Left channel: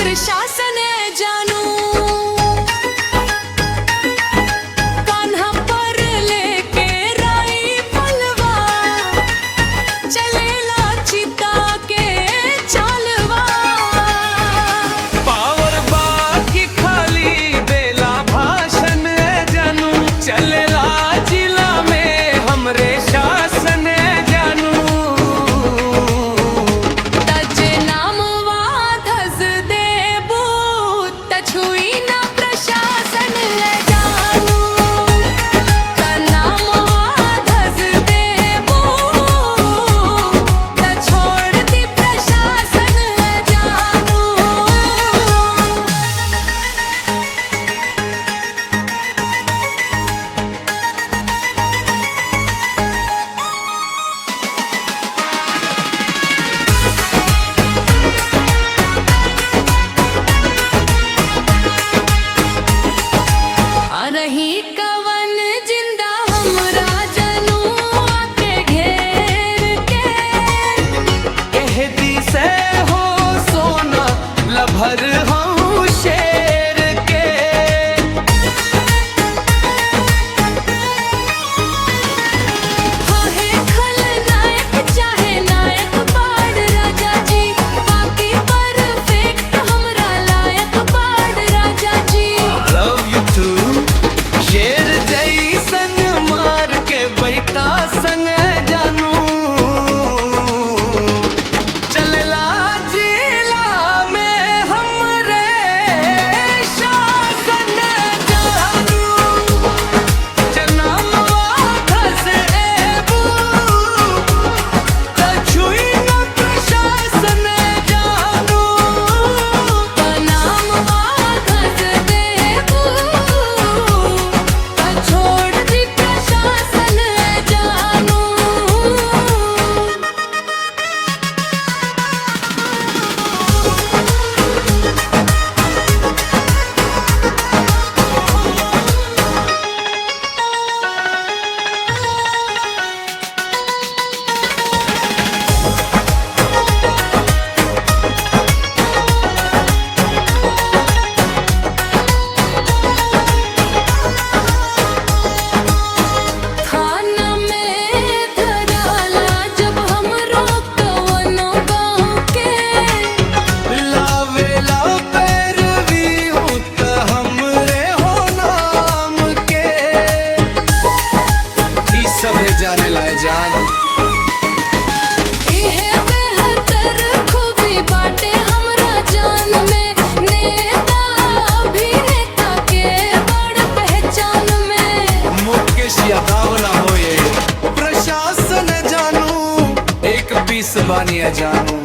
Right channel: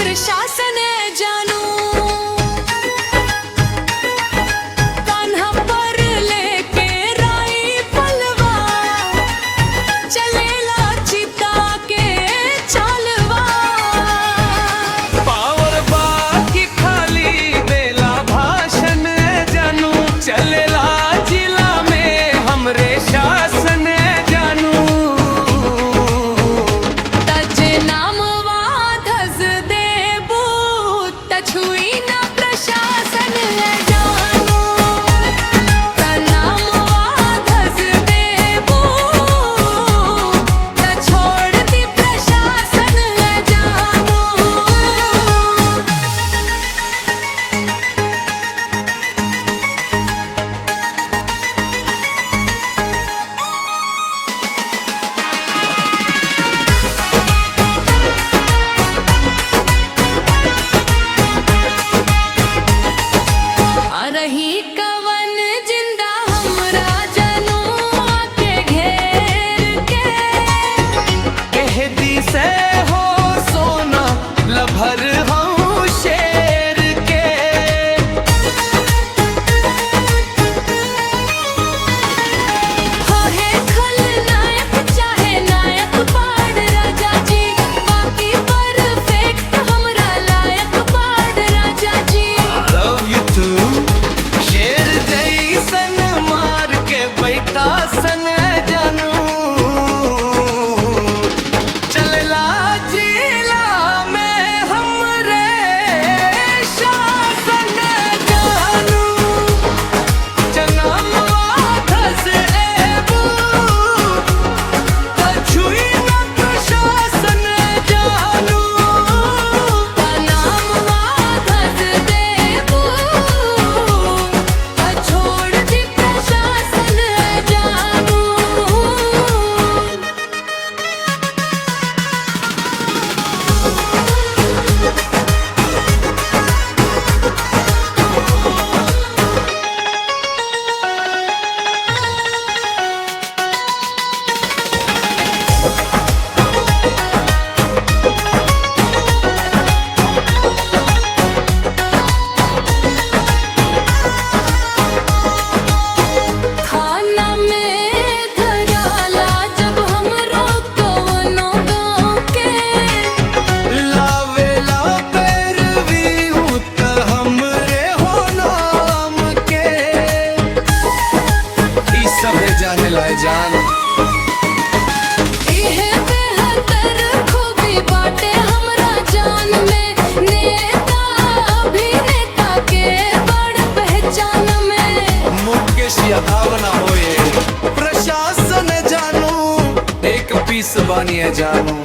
प्रशासन जानू कान्हा पर लेके राई पलवा चलेला चिता के चालवा पावर बाकी खाली बेला भाषण जानू चलेला जिला में हमरे शासन जानू छुई ना प्रशासन है जानू नाम धस देबू त छोड़ती प्रशासन है जानू रही कवन जिंदा हमरा जनू आके घेर के कह दी से हो सोना लभर हूँ शेर के है खलनायक चाहे नायक बाड़ राजा जी बाकी परफेक्ट हमरा लायक बाड़ राजा जी लव यू टू शेर जैसन मार के बैठा सन जानू चलला जिला में हमरे शासन जानू जनमवा धस एबू त छुई न प्रशासन जानू नाम धस देबू छोड़ दी प्रशासन जानू थाना में धराला जब हमरो कवनो गाँव के लावेला पैरवी हूँ त हमरे हो नाम के ई सभे जाने लाए जान इहे बेहतर खूबी बाटे हमरा जान में नेता अभिनेता के बड़ पहचान में मुकेश यादव ना होए प्रशासन जानू एक पीस बानिया जानू